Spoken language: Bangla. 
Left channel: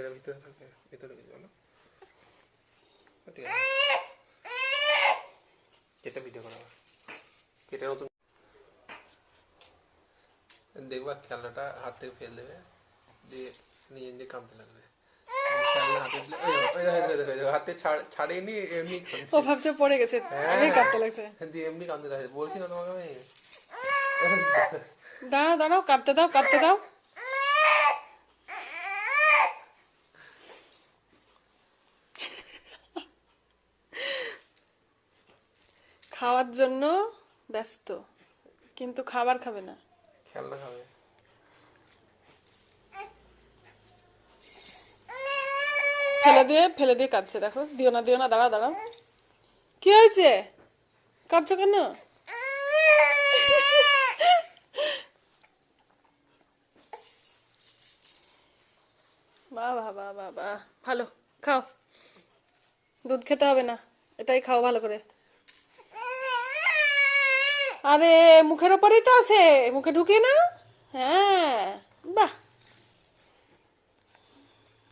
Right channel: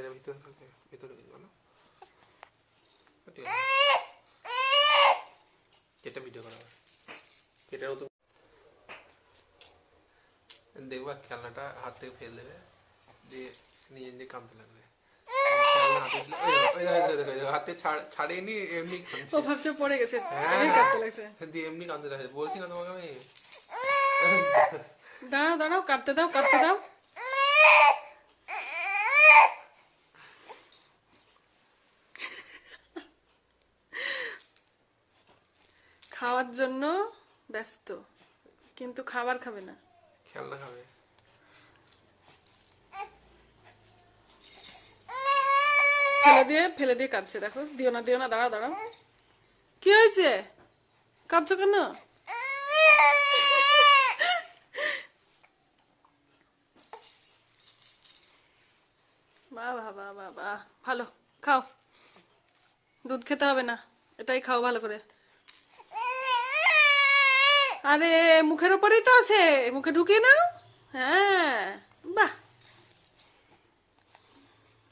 এটা ভিতরে থাকবে, ভিতরে বলো। ঠিক আছে, এটা ভিডিও করা হবে। এটা নতুন দেখবা, খেলনাটা হাত থেকে ফেলে দেবে, দিয়ে নিজে নিজে কাঁদতে লাগবে। হাতে ছাড়েনি, এমনি ও ভাবছে পড়ে গেছে, কাঁদতে লাগছে। দিয়ে এমনি কাঁদতে লাগছে। বলছি না তোমাকে আমি। দাঁড়াও দাঁড়াও, কাঁদতে দাও কাঁদতে দাও। খাওয়ার জন্য ব্যস্ত, কিন্তু খাবার খাবে না, খেলনা খাবে। ফেলে দিয়ে কাঁদছে। দেখো, দিও না দিও না, দাঁড়াও দাঁড়াও। কি হয়েছে, কাঁদছো কেন? বাহ বাহ বাহ বাহ বাহ, ভালো, খাও। দুধ খেতে হবে না, এটাই খাও ভালো করে। আরে মুখের ওপরেই তো আছে, মুখে ঢুকিয়ে নাও। হ্যাঁ, বাহ।